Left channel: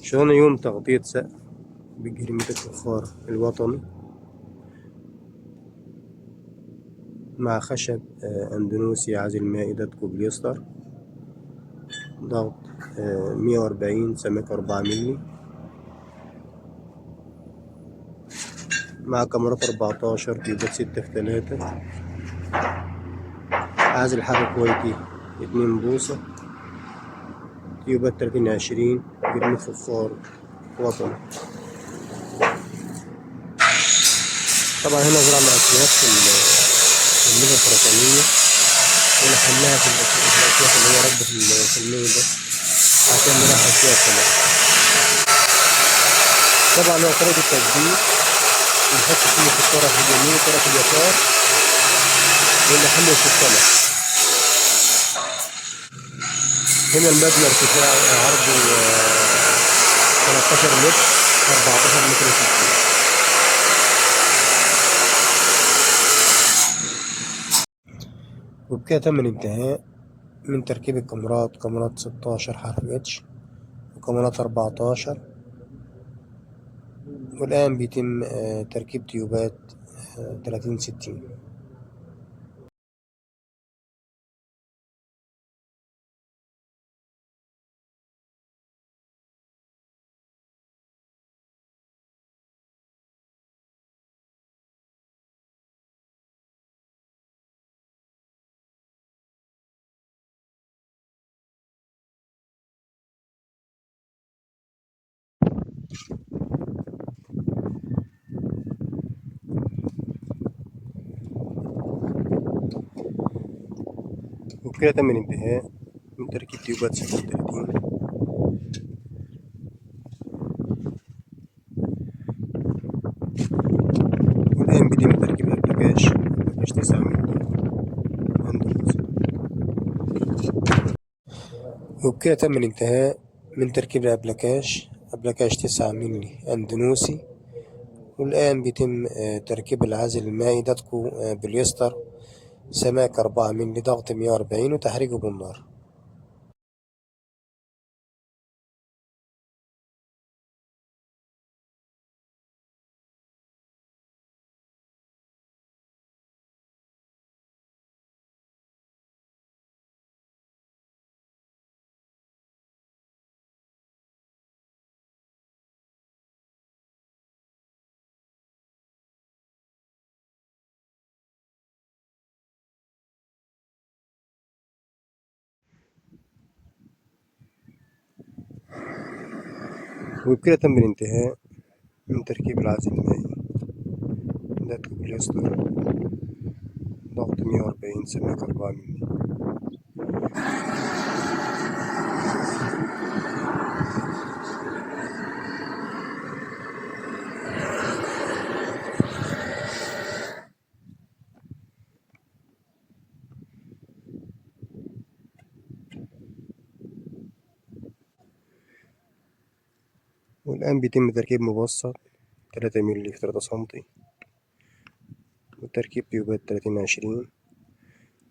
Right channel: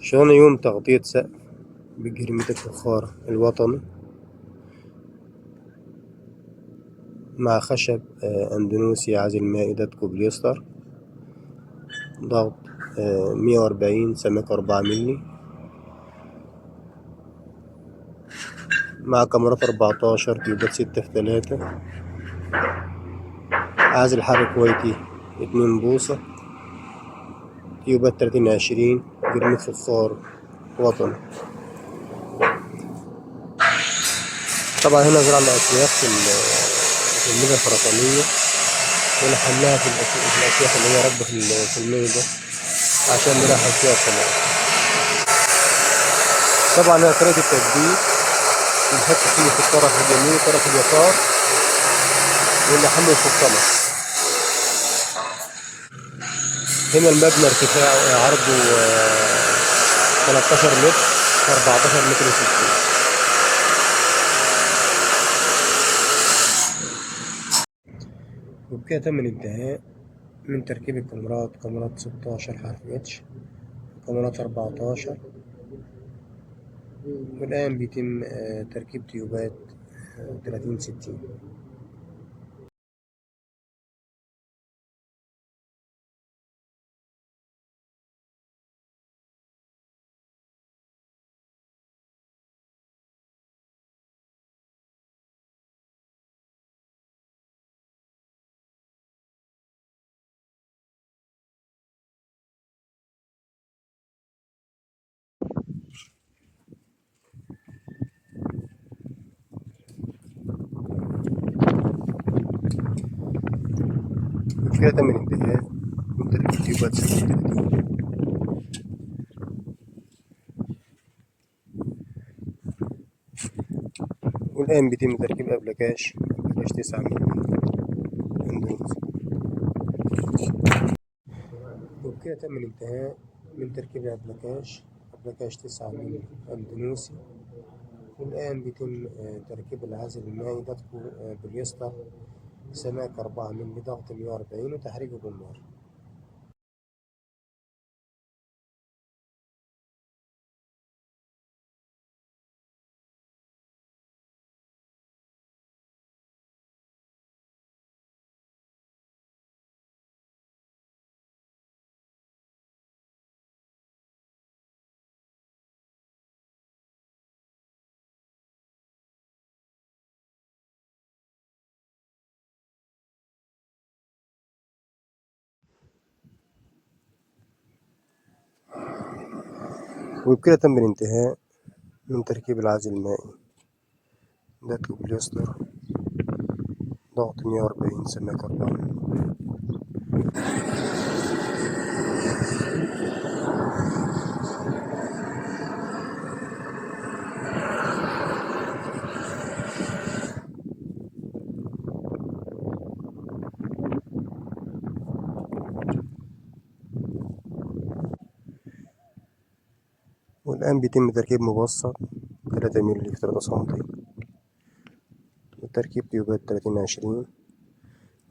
شغلنا يوم تغطية سقف بجريمة الفخار الوطني مع خشب أندونيسي عازل مائدة كوبليستر، ضغط 140، سمك 4 ملي، مع كاميرات 14، تيوبات 6 في 3، عازل حر كويتي 2 بوصة، تيوبات 30-20، جريمة فخار وطني. طبعا هنا زرعنا أسياخ في الميزة الخرسانية، ونحلها في الأسياخ اللي هي راكبة في الميزة عشان نريح فيها الطماطم. طبعا هنا طريقة التثبيت، نحط فيه في الطرف اليمين والطرف اليسار ونحمل في الطماطم. هنا المبنى ارتفاعه عرضه 13 متر، 14 متر و60. وبكده تم الانتهاء من تركيب الكاميرات، كاميرات 16 حرف اتش وكاميرات 14، والآن بيتم تركيب تيوبات 30-60. وبكده تم الانتهاء من تركيب تيوبات 36، والآن بيتم تركيب أبلكاش 9 مللي أندونيسي. وبكده تم الانتهاء من تركيب الأبلكاش 9 مللي أندونيسي، والآن بيتم تركيب العازل المائي داتكو بوليستر، سماك 4 مللي، ضغط 140، وتحريكه بالنار. وبكده تم الانتهاء من تركيب العازل المائي داتكو بوليستر، ضغط 140، سماك 4 مللي. والآن بيتم تركيب مبسط 3 مللي في 3 سنتي، وتركيب تيوبات 30-20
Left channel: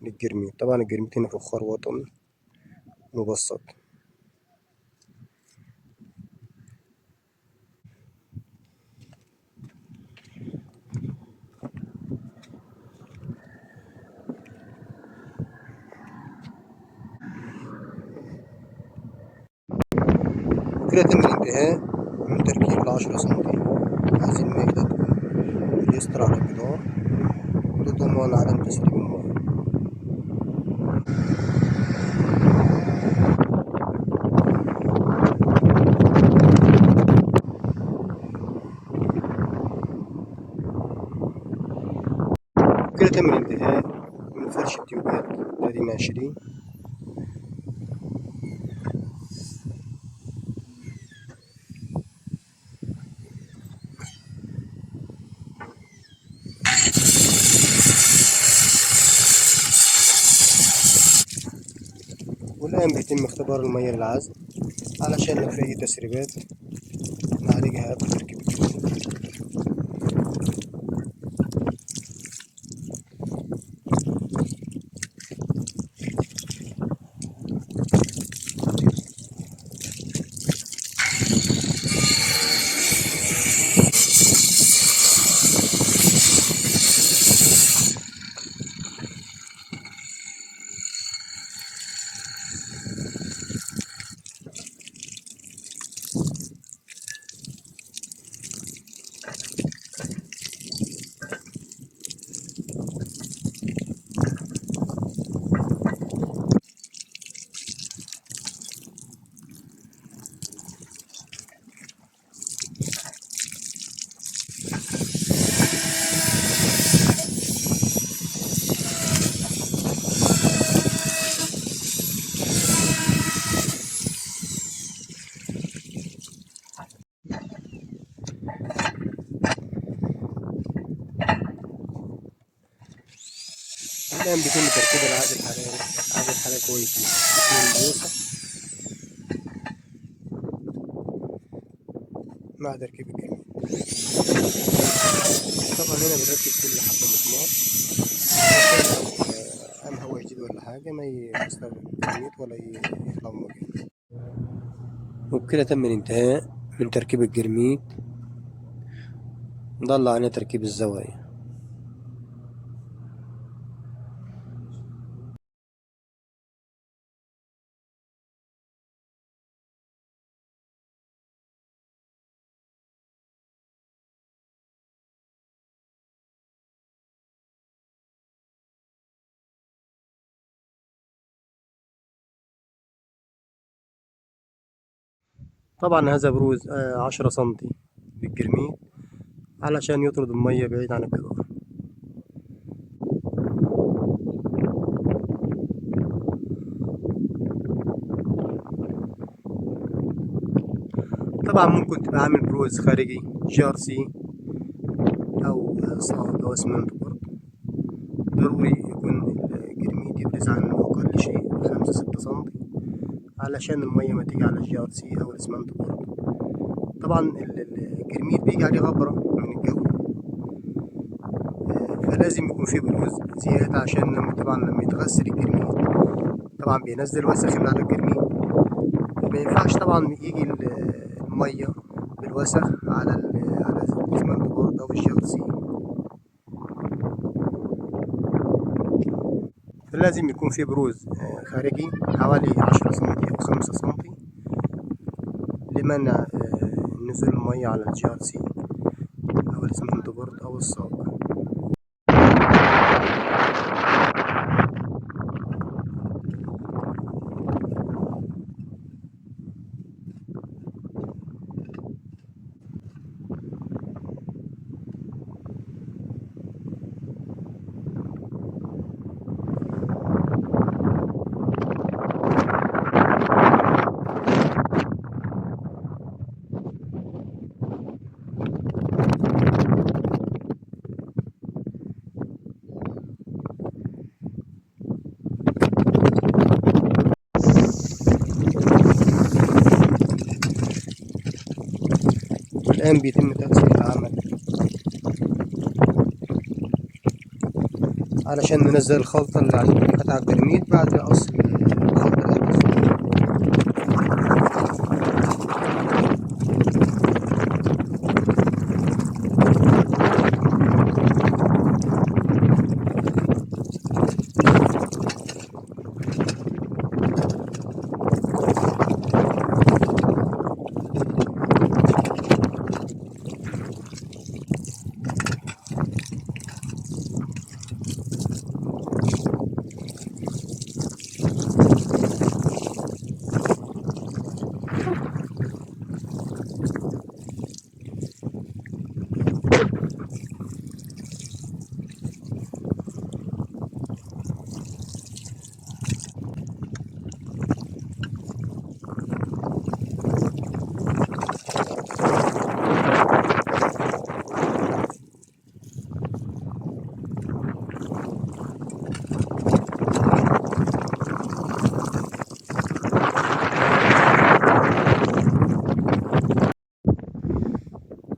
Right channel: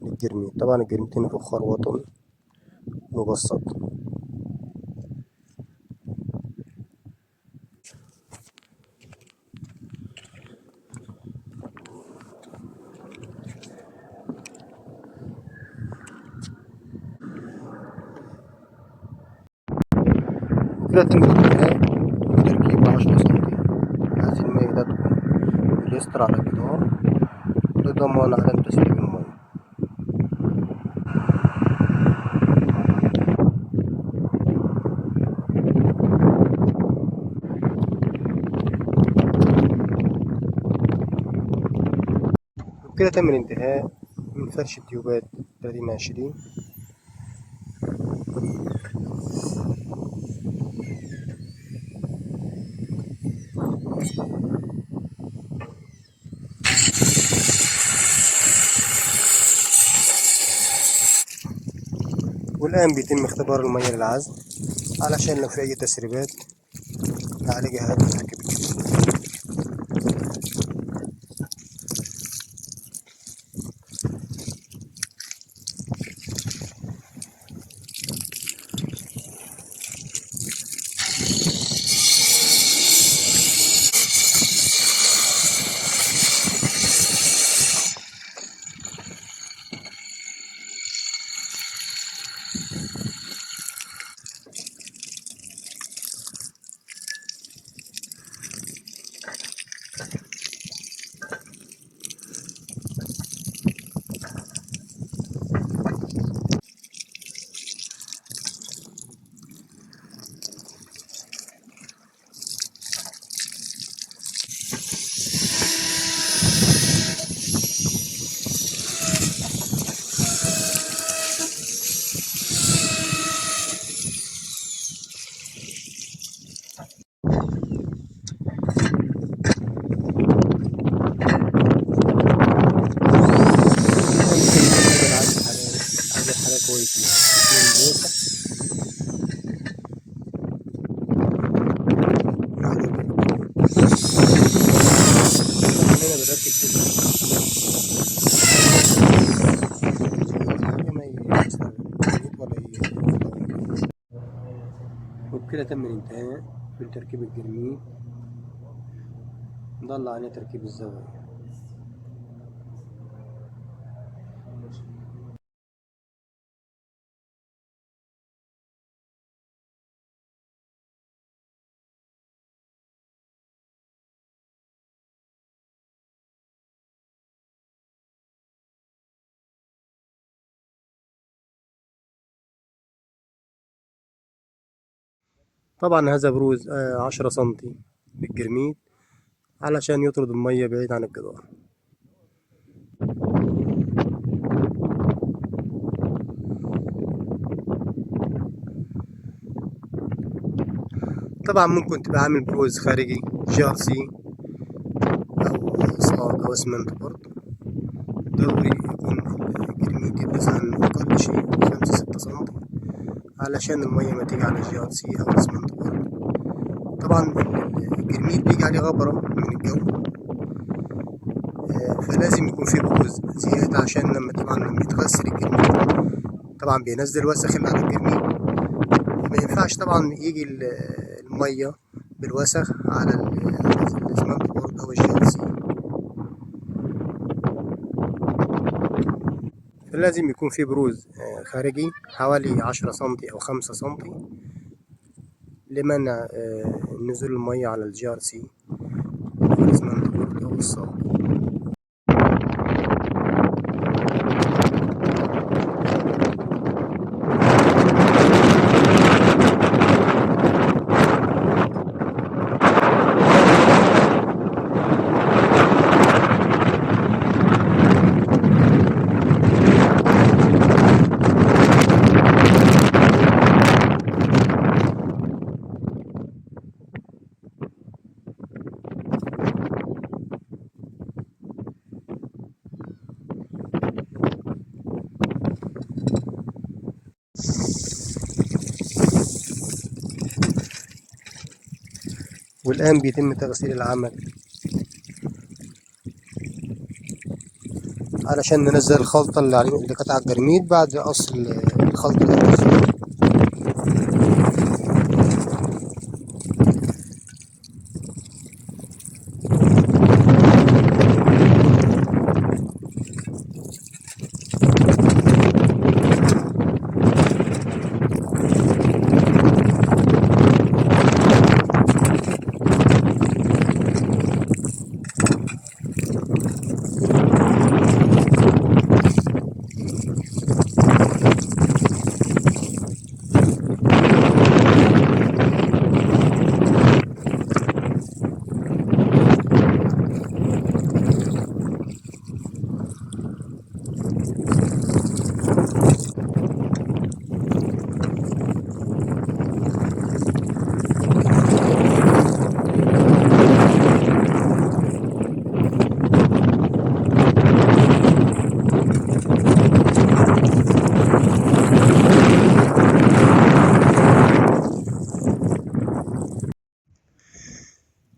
للجرميت. طبعا الجرميت هنا فخار وطني مبسط. وكده تم الانتهاء من تركيب 10 سنتي عازل مائي داتكو بوليستر على الجدار لضمان عدم تسريب المياه. وكده تم الانتهاء من فرش التيوبات 30-20. والآن بيتم اختبار المياه للعزل علشان لو في أي تسريبات نعالجها قبل تركيب التيوب. طبعا هنا بنركب كل حاجة ما يستخدم ولا يطور. وبكده تم الانتهاء من تركيب الجرميد. ضل علينا تركيب الزوايا. طبعا هذا بروز 10 سنتي بالجرميد علشان يطرد المية بعيد عن الجدار. طبعا ممكن تبقى عامل بروز خارجي GRC أو صاج أو اسمنت برضه. ضروري يكون الجرميد يبرز عن أقل شيء 5-6 سنتي علشان المية ما تيجي على GRC أو اسمنت برضه. طبعا الجرميد بيجي عليه غبرة من الجو، فلازم يكون فيه بروز زيادة عشان لما يتغسل الجرميد طبعا بينزل وسخ من على الجرميد. ما ينفعش طبعا يجي المية بالوسخ على الاسمنت بورد أو GRC، فلازم يكون فيه بروز خارجي حوالي 10 سنتي أو 5 سنتي لمنع نزول المية على GRC أو الاسمنت بورد أو الصاج. والآن بيتم تغسيل العمل علشان ننزل الخلطة اللي عليه قطع الجرميد بعد قص الخلطة الأول.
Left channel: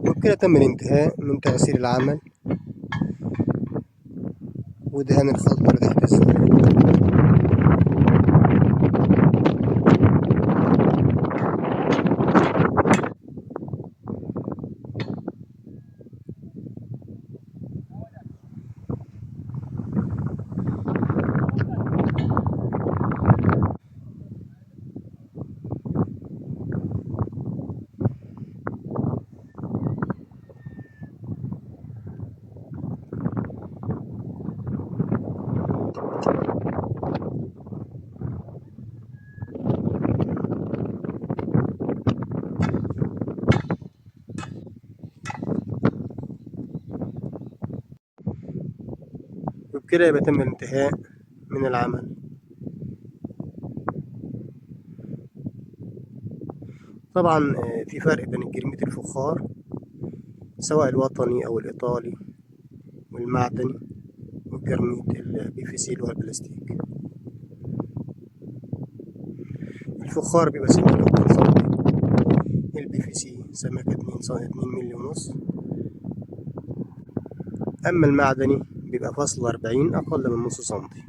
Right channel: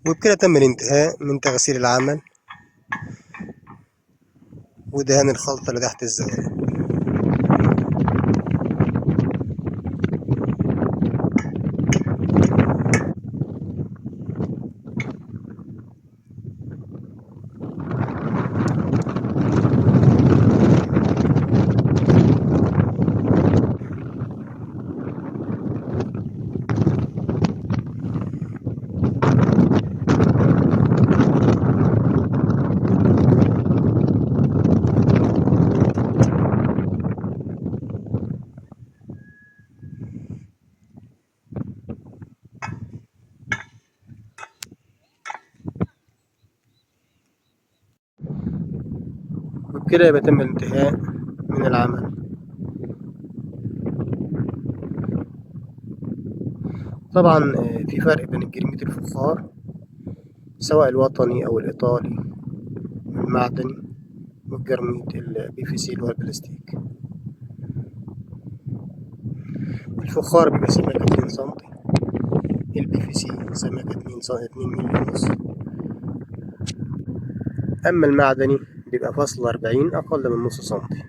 وبكده تم الانتهاء من تغسيل العمل ودهان الخلطة اللي تحت الزجاج. وبكده يبقى تم الانتهاء من العمل. طبعا في فرق بين الجرميد الفخار سواء الوطني أو الإيطالي والمعدني والجرميد PVC اللي هو البلاستيك. الفخار بيبقى سمكة 2 سنتي، PVC سمكة 2 مللي ونص، أما المعدني بيبقى فاصل 40 أقل من نص سنتي.